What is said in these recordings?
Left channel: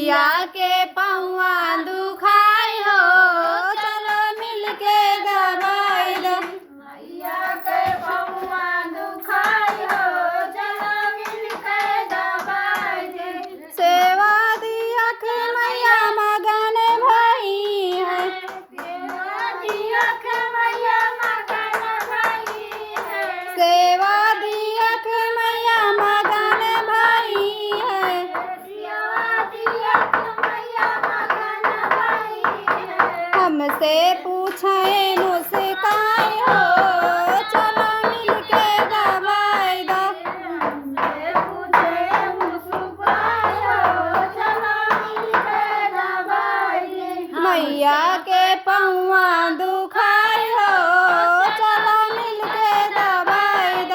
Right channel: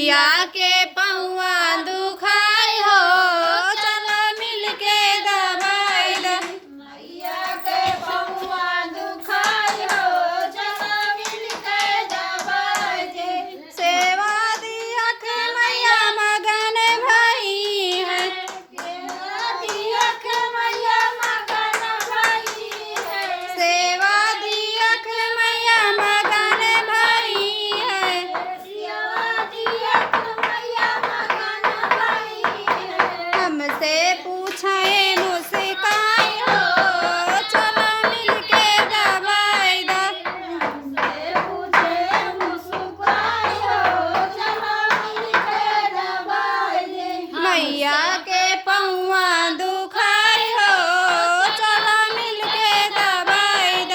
मैया के पौआ दुखाई हो चलो मिल के दबाई द। मैया के पौआ दुखाई हो चलो मिल के दबाई दे। सेवा दिया के मैया मगन भाई है। सेवा दिया के मैया मगन भाई है। सेवा दिया के मैया मगन भाई है। सेवा दिया के मैया मगन भाई है। हमसे पूछे मुस्काई हो चलो मिल के दबाई द। हमसे पूछे मुस्काई हो चलो मिल के दबाई दे। मैया के पौआ दुखाई हो चलो मिल के दबाई द।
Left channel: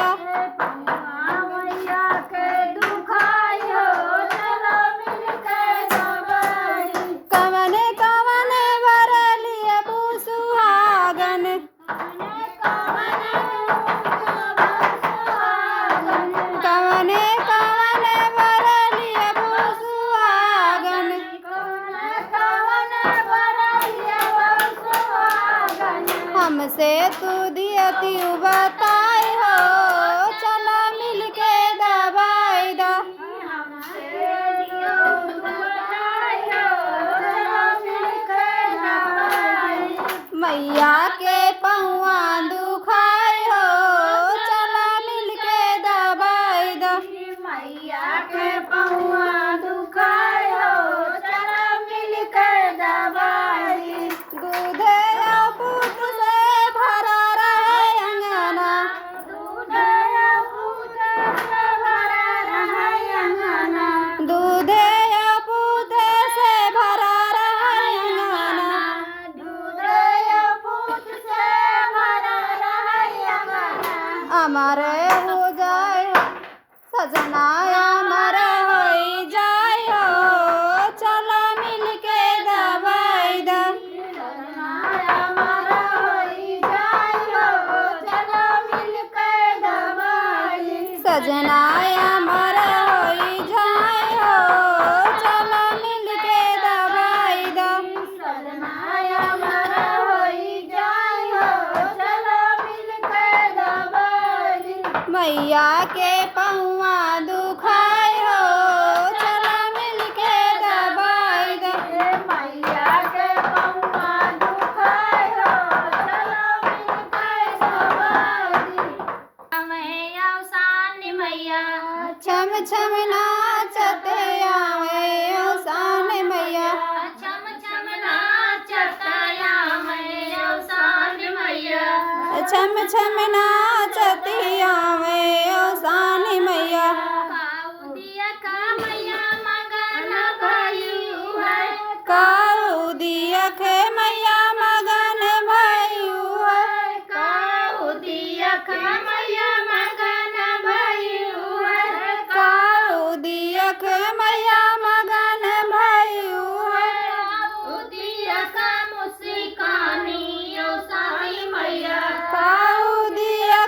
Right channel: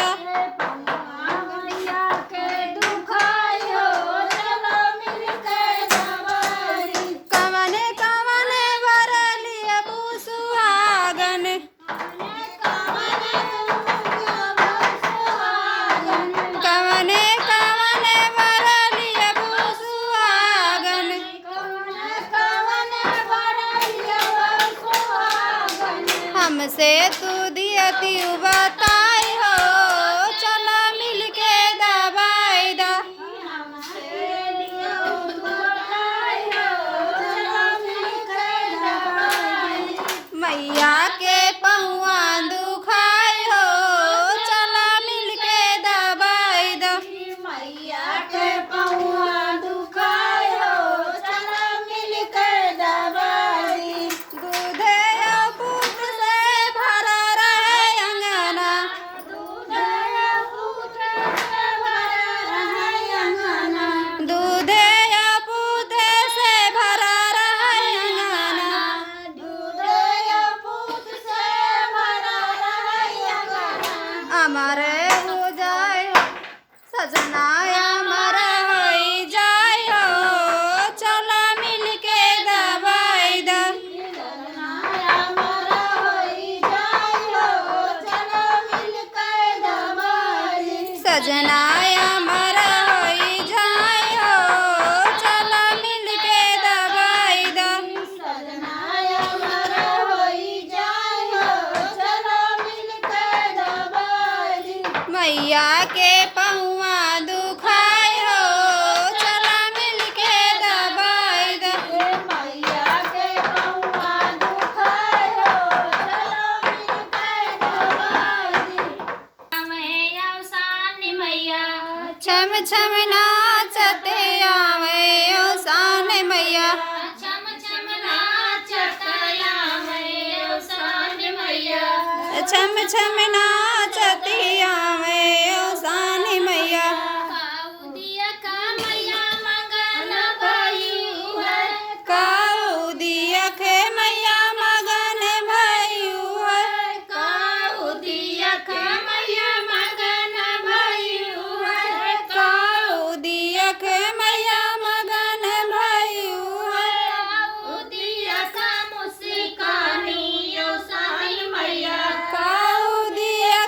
मैया के दुखाई हो चलो मिल के दबाई दे। कवने कवने बरलिए सुहागन। कवने कवने बरलिए सुहागन। हमसे तू दियती बताई हो चलो मिल के दबाई द। मैया के पौआ दुखाई हो चलो मिल के दबाई द। मैया के पौआ दुखाई हो चलो मिल के दबाई दे। दूधे और पूत से भरा रहे अंगना। दूधे पूत से भरा रहे अंगना। दूधे और पूत से भरा रहे अंगना। दूधे पूत से भरा रहे अंगना। अमर हो जाए सजना अमर हो जाए हो चलो मिल के दबाई द। हमारा होई जाई हो चलो मिल के दबाई दे। सजना अमर हो जाए हो चलो मिल के दबाई द। सजना हमारा होई जाई हो चलो मिल के दबाई दे। मैया के पौआ दुखाई हो चलो मिल के दबाई द। मैया के पौआ दुखाई हो चलो मिल के दबाई दे। मैया सानी मैया छम छम नाचते आवे ओ सान मैया। छम छम नाचतया मैया सानी मैया। छम छम नाचती आवे ओ सान मैया। काउदिया का मैया मगन भइयू है। काऊ दिया के मैया मगन भइयू है। काउदिया का मैया मगन भइयू है। काऊ दिया के मैया मगन भइयू है। काउदिया का मुस्कानी ओ साई मैया। काऊ दिया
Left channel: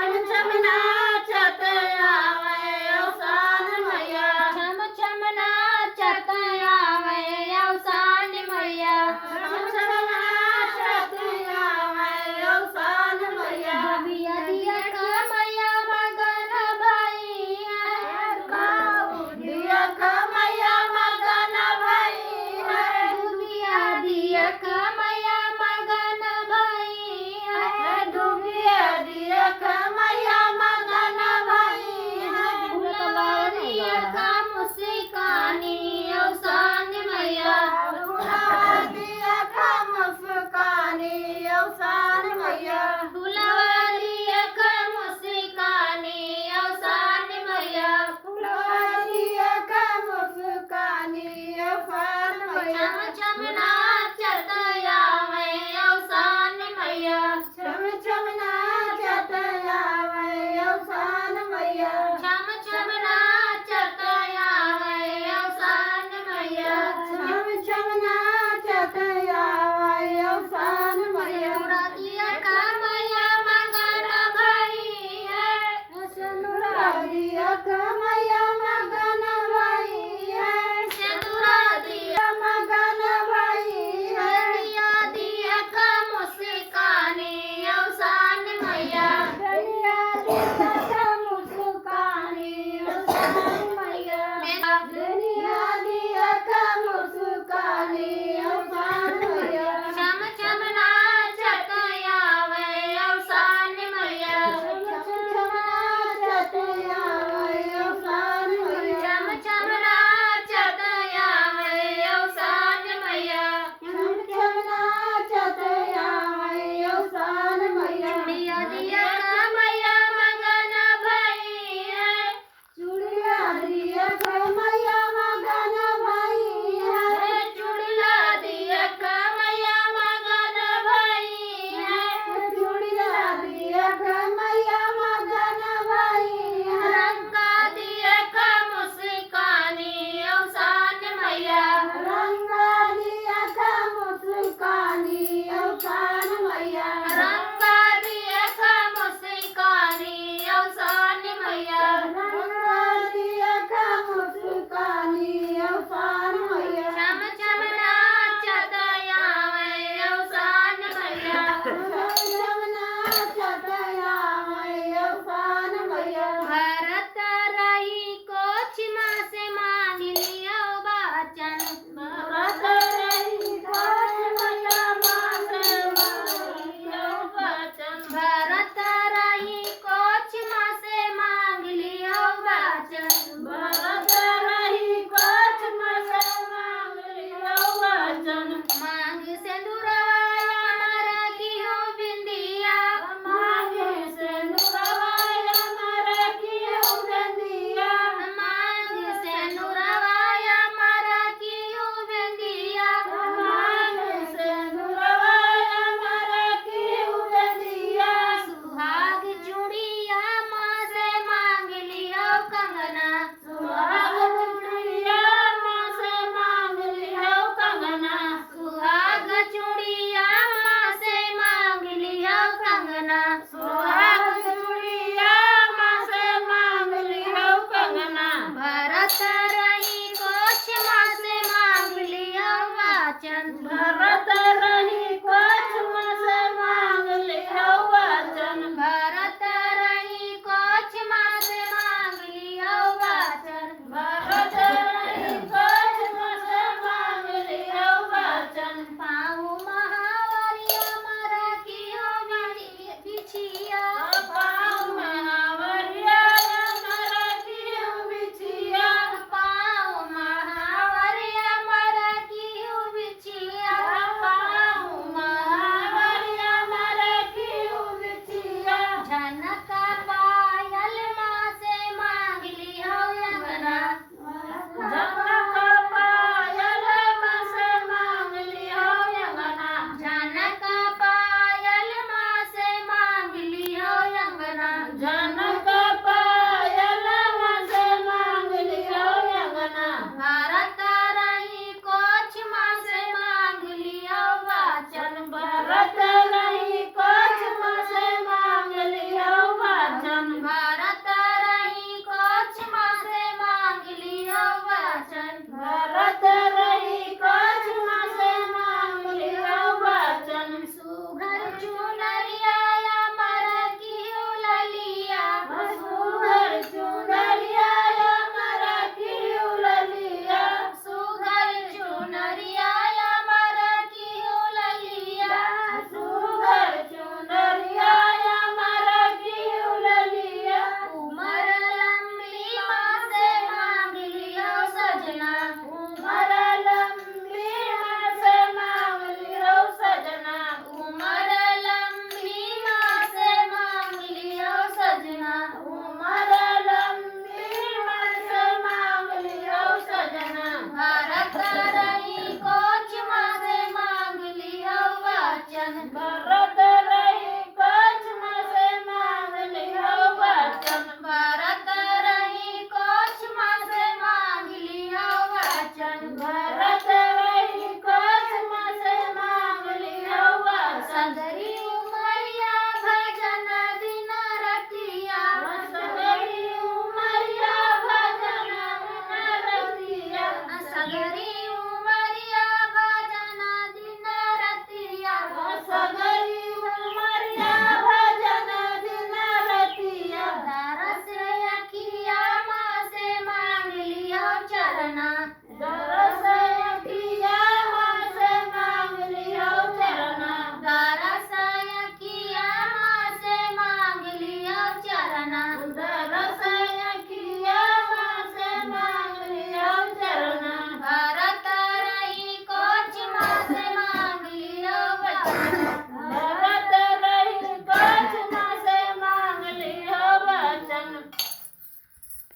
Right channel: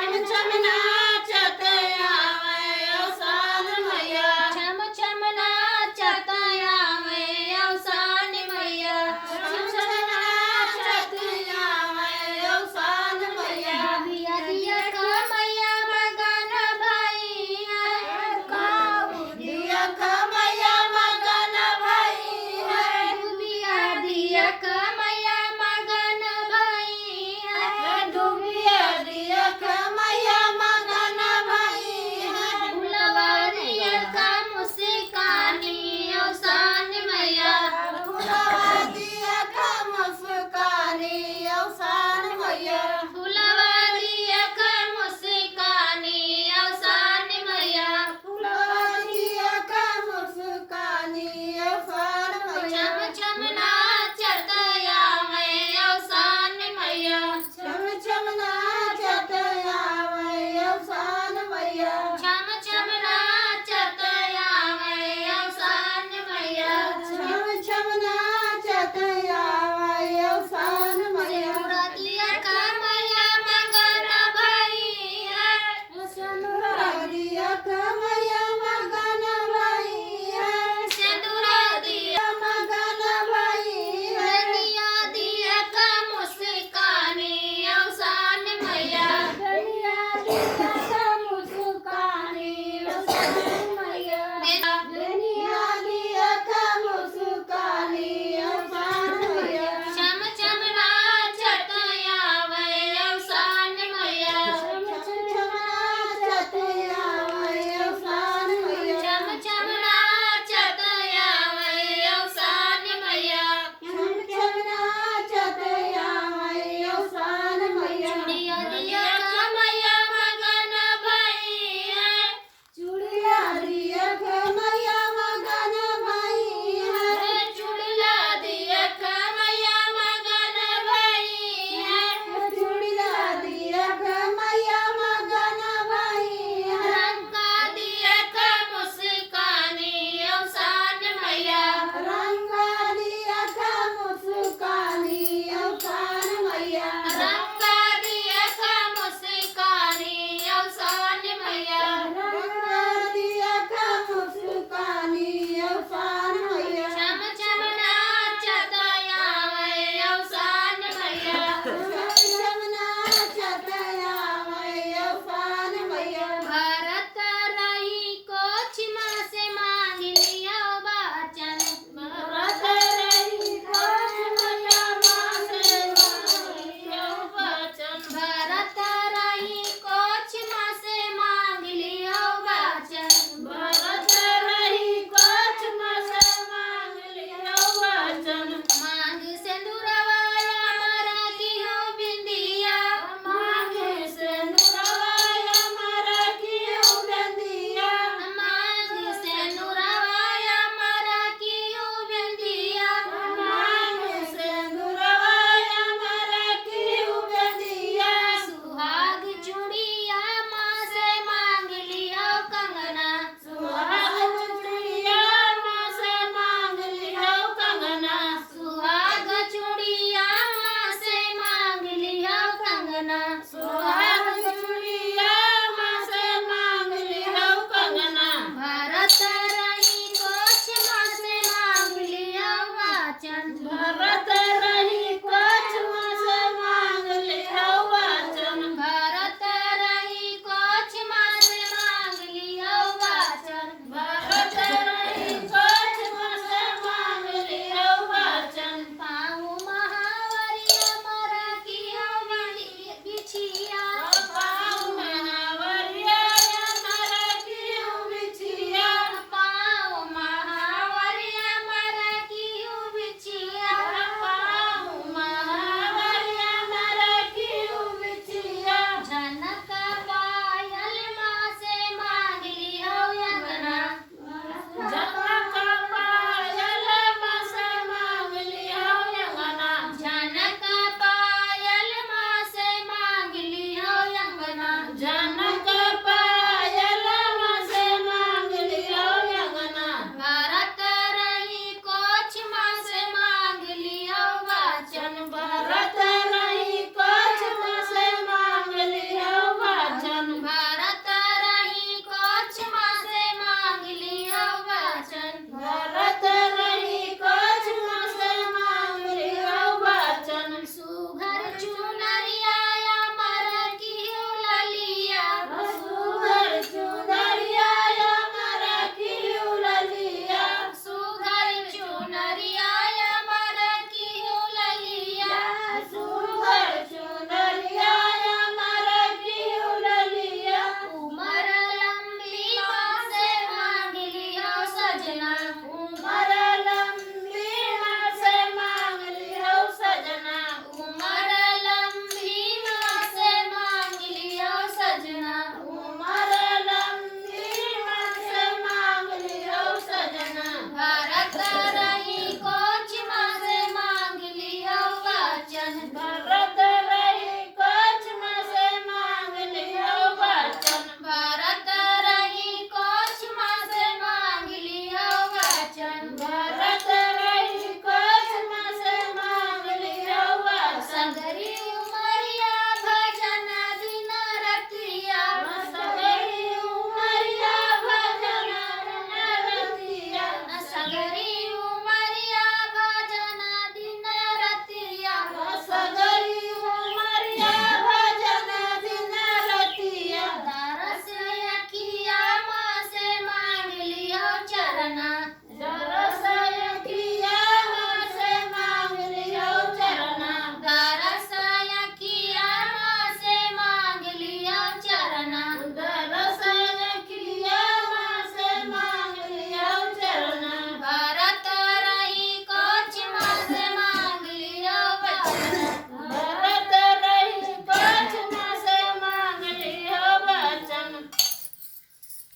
छम छम नाच